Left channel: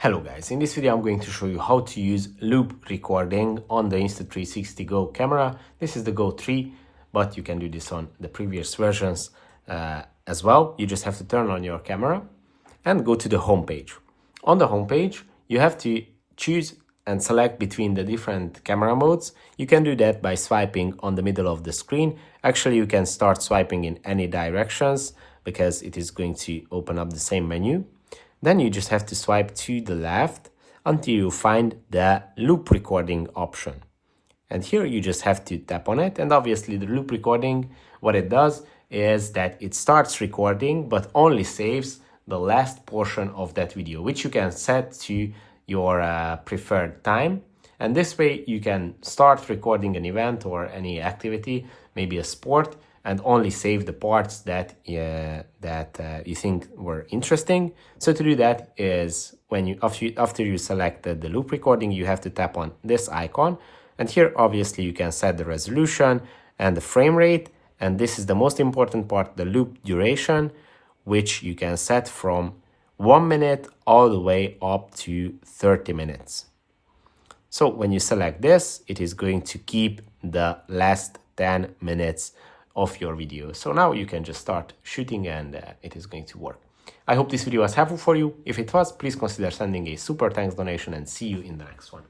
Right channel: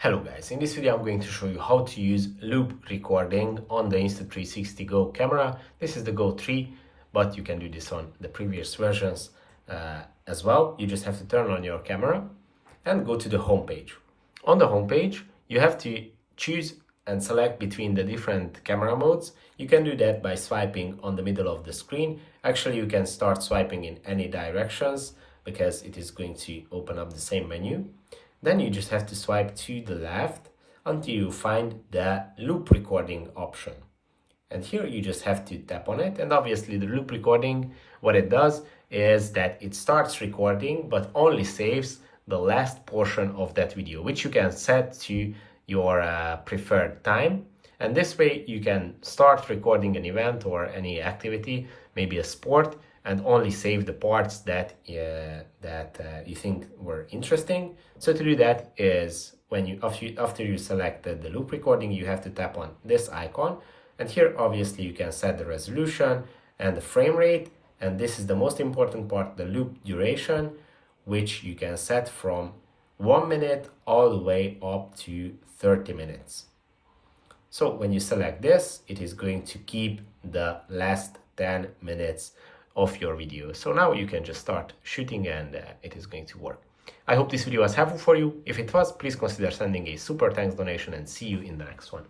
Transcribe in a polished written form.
Hello guys, in this video I'm going to show you how to use loop recording on the Insta360 Go camera. This is the Go3, but you can do this on the previous versions as well. You just have to turn on your camera and go to the home page. On the home page, you have to choose and select between the different camera modes. You can do that by swiping on the middle of the screen. Actually, you can start swiping in any directions because it is going to open up the same menu. Then you just have to swipe to the left until you find the loop recording option. And here you just have to tap on it. And obviously the loop recording, what it does is that it starts recording, but only saves the last portion of that video, which you can set to your preferred time. And this way you can start recording an event or any activity, maybe a sport, and only save the parts that you think were interesting. So to do that is when after you selected the loop recording, you have to tap on this icon, and here obviously you can set the resolution and the frame rate, and this is the most important part, the loop duration, which you can set from 1 minute all the way up to 30 minutes. So when you select this, it is going to keep the last 10 minutes of your video. So now you can just start shooting and it is going to work. I hope this video was helpful for you. If it was, please consider sending a super thanks donation and see you in the next one.